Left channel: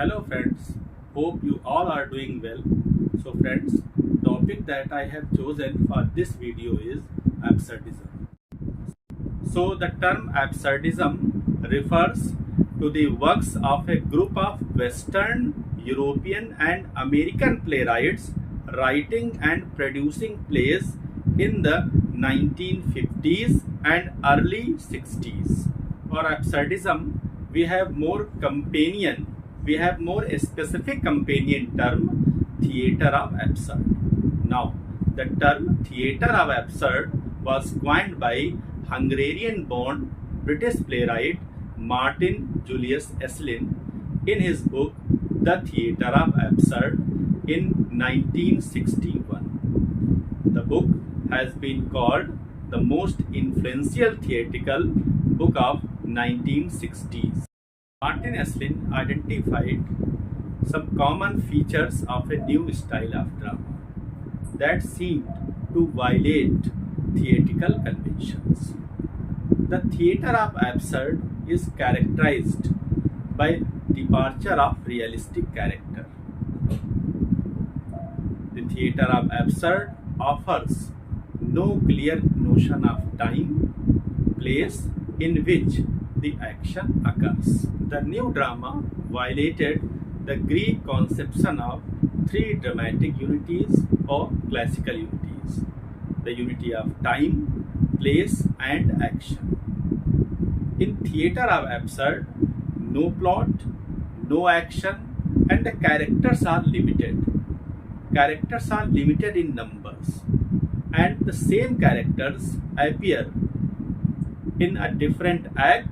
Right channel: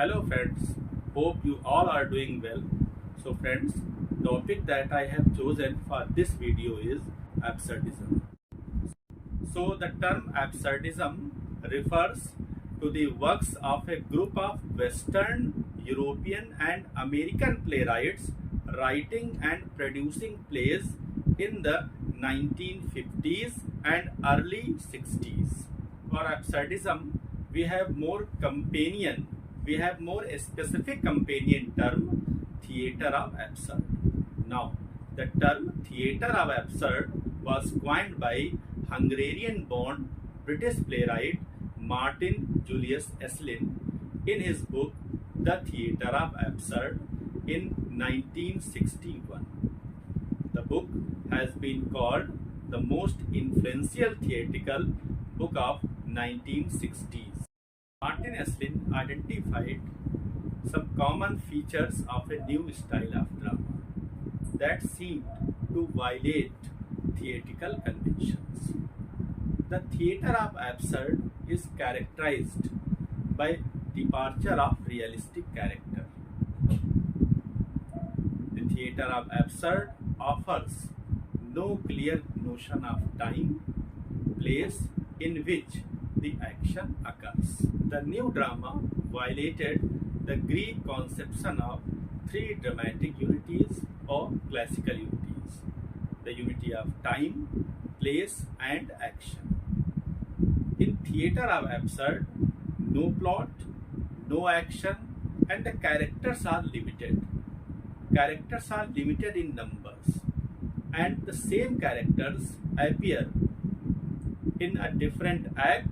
Hello friends, hope you all are doing well. So friends, topic that I have chosen for this video is absurdism. So the term absurdism refers to the works of a group of Western, European and American playwrights writing and producing plays in the 1950s and early 60s. For absurdism, we have more specific companion term, theatre of absurd. Now, the term theatre of absurd was coined by Hungarian-born British playwright Martin Julius Esslin in his book The Theatre of Absurd in 1961. The book has been called the most influential theatrical book of 1960s. Martin Esslin identified some common features of a new style of drama that seemed to violate theatrical conventions. The theatre of absurd is characterized by departure of realistic character. The theatre of absurd offers no clear notion of time, place in which the action occurs. The new drama violated the Greek conception of three dramatic unities or classical unities: the unity of time, place and action. In theatre of absurd, no plot, no action and the characters are limited. Characters are limited in numbers and the same characters appear in a different act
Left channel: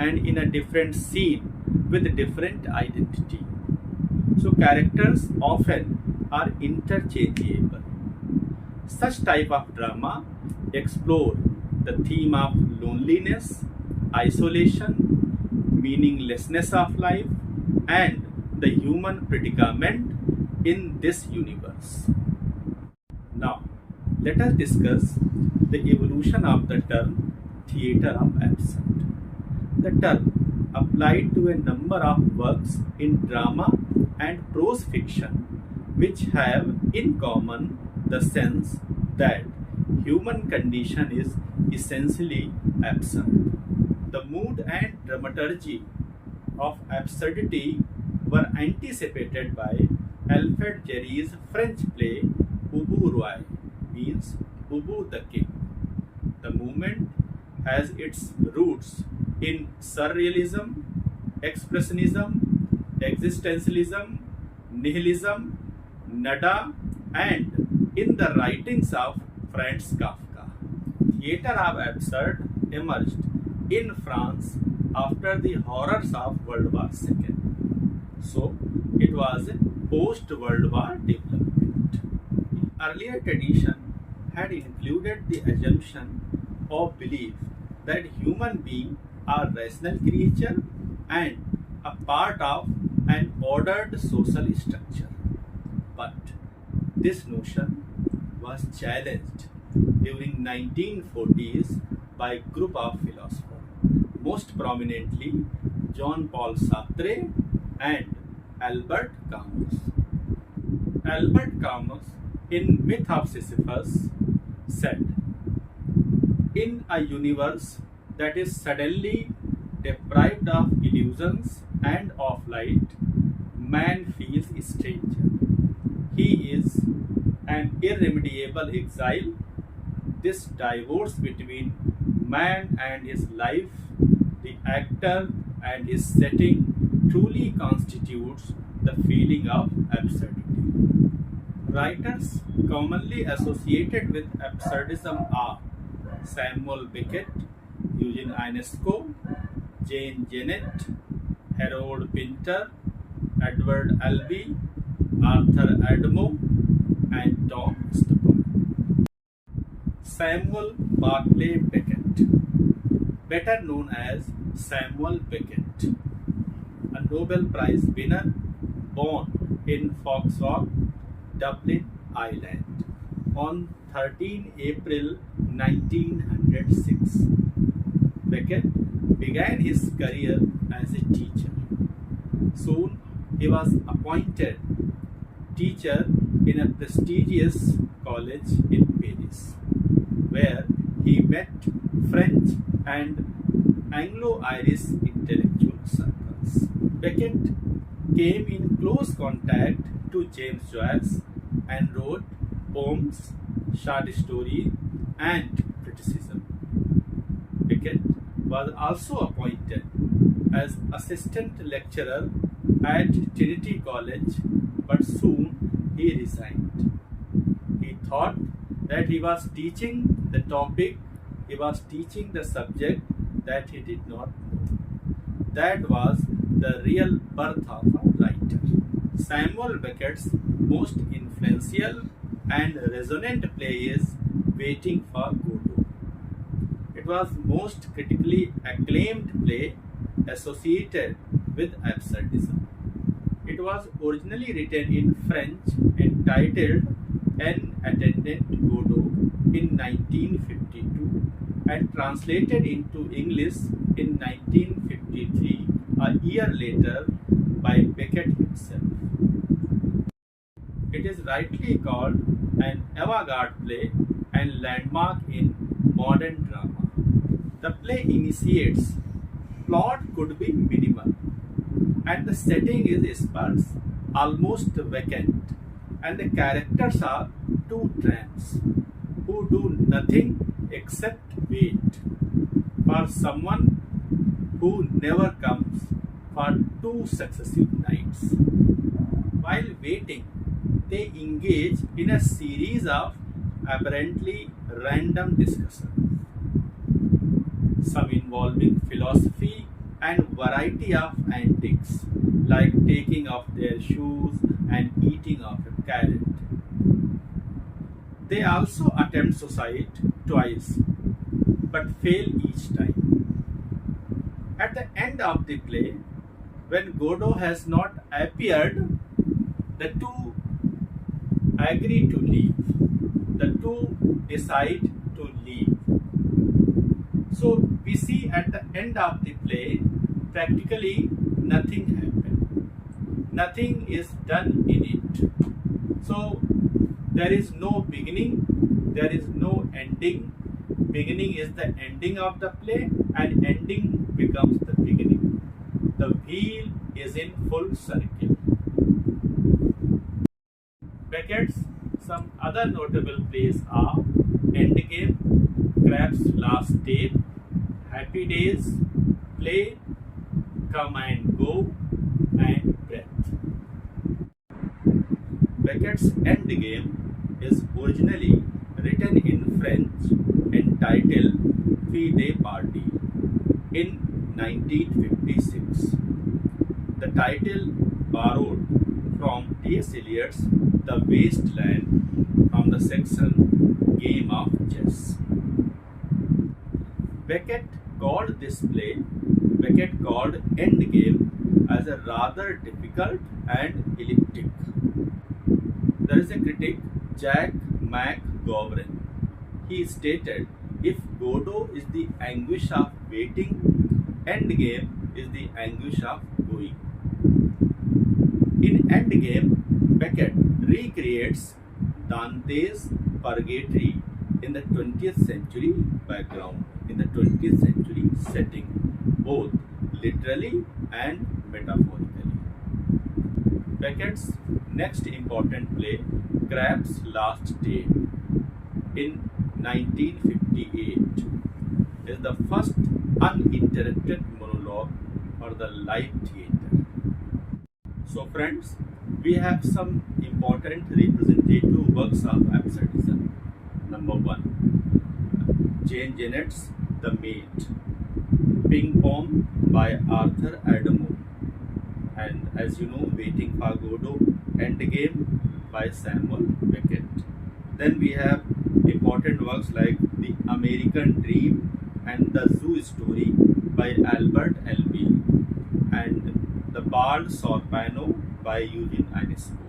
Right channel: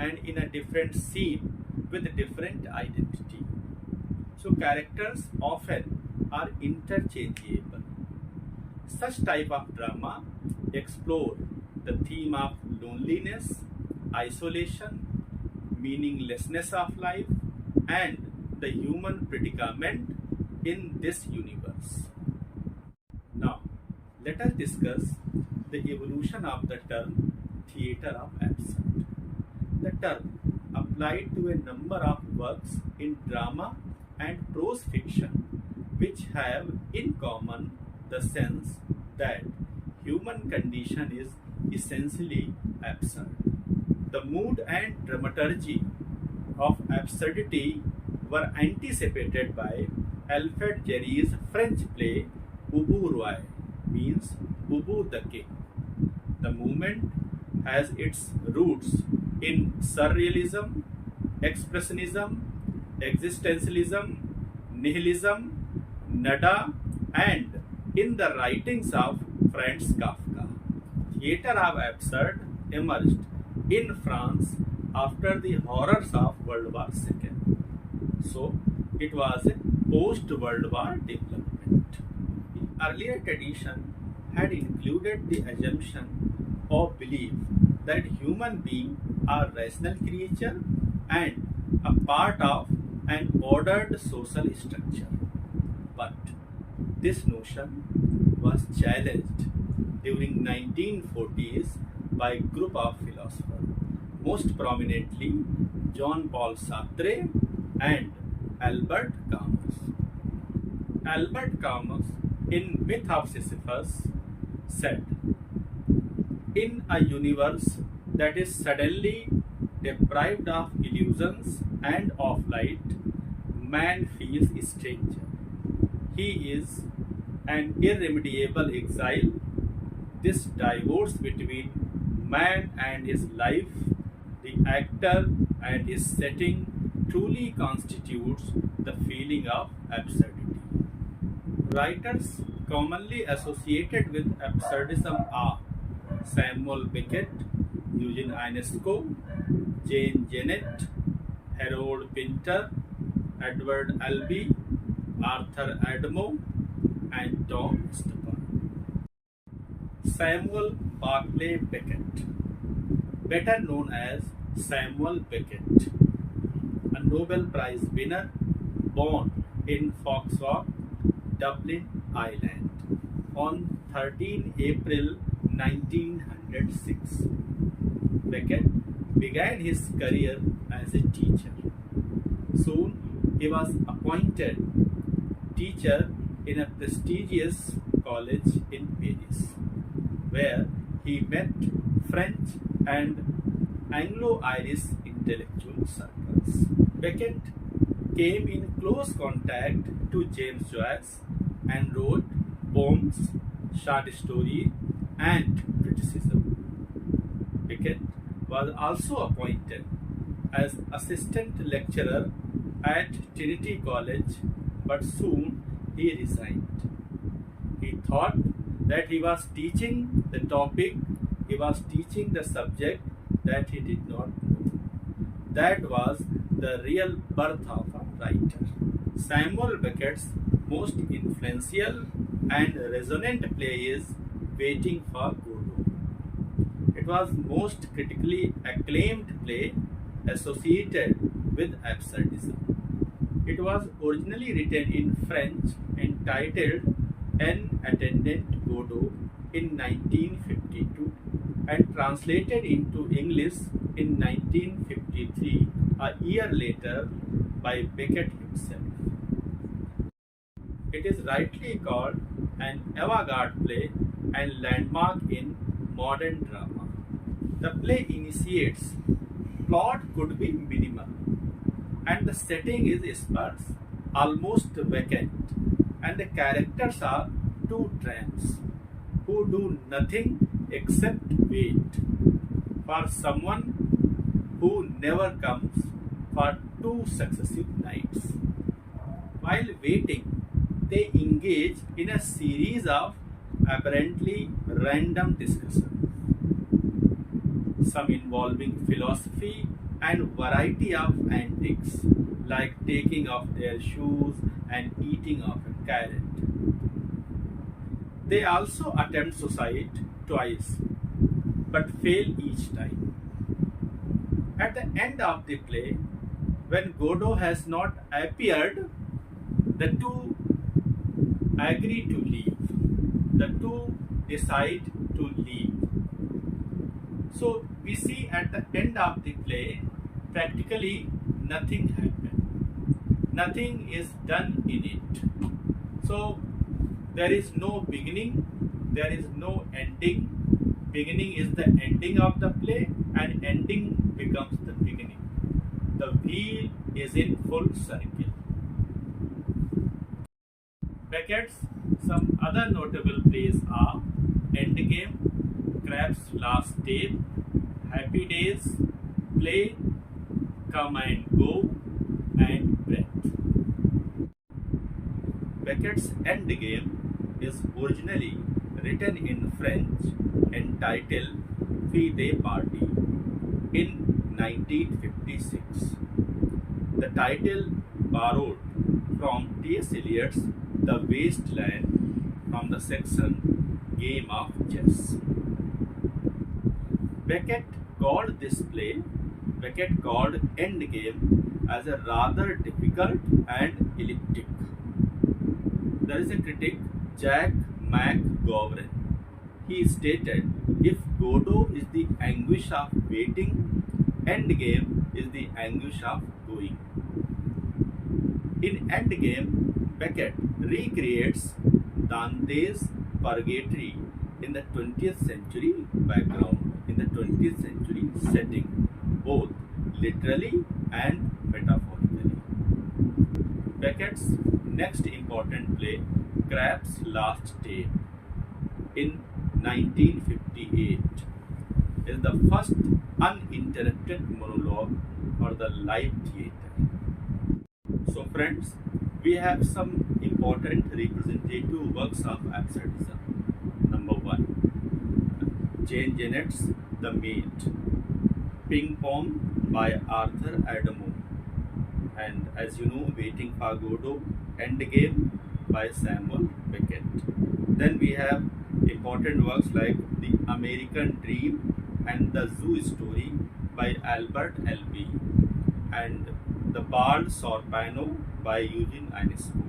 and in a different scene with different identity. So characters often are interchangeable. Such type of drama explore the theme of loneliness, isolation, meaninglessness of life and the human predicament in this universe. Now, let us discuss the evolution of the term theatre of absurd. The term applied to a number of works in drama and prose fiction which have in common the sense that human condition is essentially absurd. The mood and dramaturgy of absurdity were anticipated by Alfred Jarry's French play Ubu Roi, means Ubu the King. The movement has its roots in surrealism, expressionism, existentialism, nihilism, nada and in the writings of Franz Kafka. Theatre of absurd emerged in France after the horrors of World War II. So, it was a post-World War development. The earlier tradition had included the assumption or belief that human beings are rational creatures and a part of an ordered social structure. But this notion was challenged during 1940s by a group of philosophers, most prominently Jean-Paul Sartre and Albert Camus. Albert Camus, in Myth of Sisyphus, said, "In a universe that is suddenly deprived of illusions and of light, man feels a stranger. He is an irremediable exile. This divorce between man and his life, the actor and his setting, truly constitutes the feeling of absurdity." Writers commonly associated with absurdism are Samuel Beckett, Eugene Ionesco, Jane Jennett, Harold Pinter, Edward Albee, Arthur Adamo, and Tom Stoppard. Samuel Barclay Beckett, better known as Samuel Beckett, a Nobel Prize winner born in Foxrock, Dublin, Ireland, on 13 April 1906. Beckett began his career as a teacher. Soon he was appointed teacher in a prestigious college in Paris, where he met French and Anglo-Irish intellectual circles. Beckett came in close contact to James Joyce and wrote poems, short stories, and criticism. Beckett was also appointed as assistant lecturer at Trinity College, but soon he resigned. He thought that he was teaching the topic, he was teaching the subject that he did not know. That was the real birth of a writer. Samuel Beckett's most influential and resonant play is Waiting for Godot. It was most critically acclaimed play associated with absurdism. It was originally written in French and titled An Attendant Godot in 1952 and translated into English in 1953, a year later, by Beckett himself. It is rightly called an avant-garde play and landmark in modern drama. The play initiates plot could be minimal, and the setting is sparse, almost vacant, and the characters are two tramps who do nothing except wait for someone who never comes for 2 successive nights. While waiting, they engage in a series of apparently random discussions, some involving philosophy and variety of antics like taking off their shoes and eating off a carrot. They also attempt suicide twice but fail each time. At the end of the play, when Godot has not appeared, the two agree to leave. The two decide to leave. So we see at the end of the play, practically nothing happened. Nothing is done in it. So there is no beginning, there is no ending. Beginning is the ending of the play and ending becomes the beginning. The wheel is in full circle. Beckett's some other notable plays are Endgame, Crab's Last Tape, Happy Days, Play, Come and Go, and Breath. Beckett's Endgame is originally written in French and titled Fille Party in 1956. The title borrowed from T.S. Eliot's The Waste Land from the section Game of Chess. Beckett called Endgame as a rather difficult and elliptic. There is a critic, Jack McGovern. He stated, if Godot is the anguish of waiting, Endgame is the anguish of going. In Endgame, Beckett recreates Dante's Purgatory in the 20th century background, in the 20th century setting, both literally and metaphorically. Beckett's next important play, Crab's Last Tape, in 1958, is the first uninterrupted monologue for the live theatre. So friends, we have some important representative works of absurdism. Number 1, Jane Jennet's The Maid, Ping Pong by Arthur Adamo, and as you know, Waiting for Godot, Endgame by Samuel Beckett. Then we have important works like The American Dream and The Zoo Story by Albert Elby, and The Bald Sorpano by Eugene Ionesco.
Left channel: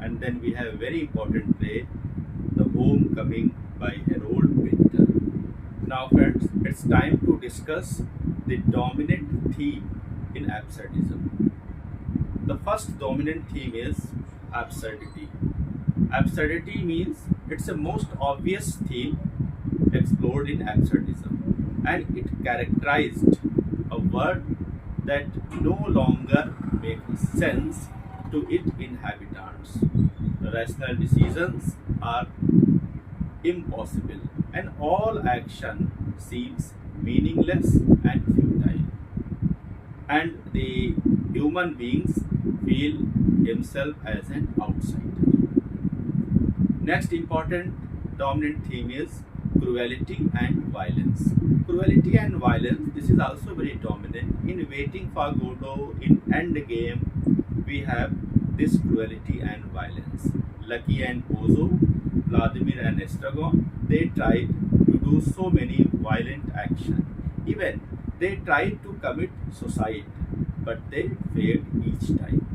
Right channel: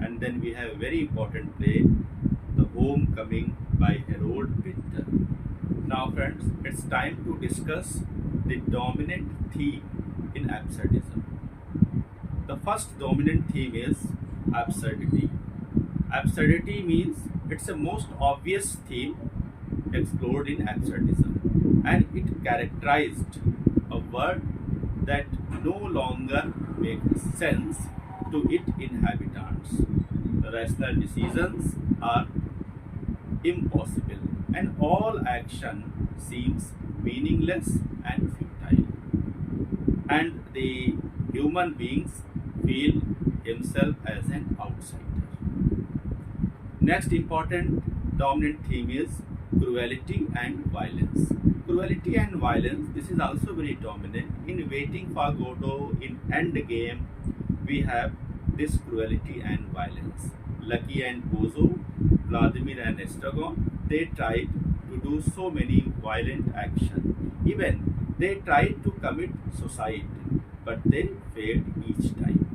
And then we have a very important play, The Homecoming by Harold Pinter. Now friends, it's time to discuss the dominant theme in absurdism. The first dominant theme is absurdity. Absurdity means it's the most obvious theme explored in absurdism, and it characterized a word that no longer makes sense to its inhabitants. The rational decisions are impossible, and all action seems meaningless and futile. And the human beings feel himself as an outsider. Next important dominant theme is cruelty and violence. Cruelty and violence, this is also very dominant. In Waiting for Godot, in Endgame, we have this cruelty and violence. Lucky and Pozo, Vladimir and Estragon, they tried to do so many violent actions. Even they tried to commit suicide, but they failed each time.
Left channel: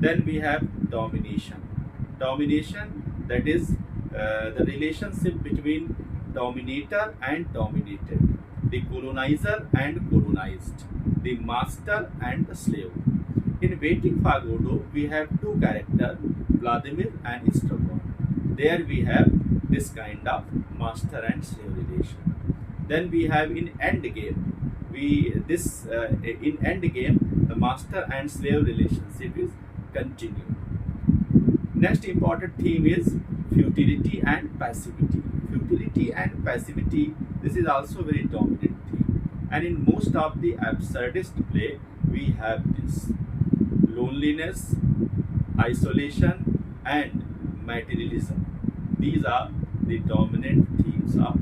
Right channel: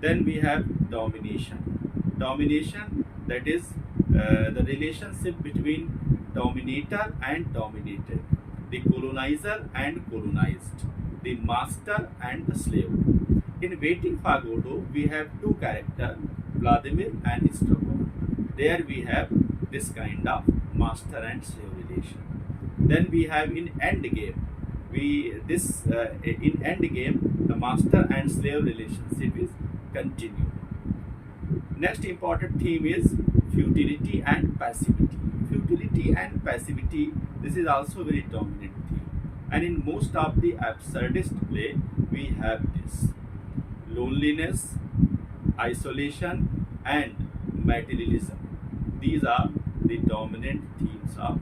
Then we have domination. Domination, that is the relationship between dominator and dominated, the colonizer and colonized, the master and the slave. In Waiting for Godot, we have two characters, Vladimir and Estragon. There we have this kind of master and slave relation. Then we have in Endgame, in Endgame, the master and slave relationship is continued. Next important theme is futility and passivity. Futility and passivity, this is also very dominant theme. And in most of the absurdist play, we have this. Loneliness, isolation, and materialism. These are the dominant themes of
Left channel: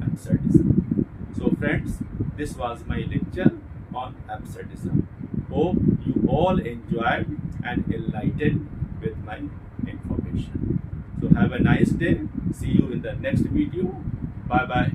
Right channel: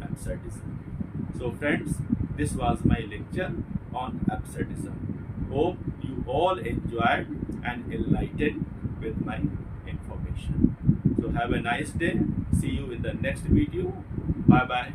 absurdism. So friends, this was my lecture on absurdism. Hope you all enjoyed and enlightened with my information. So have a nice day. See you in the next video. Bye bye.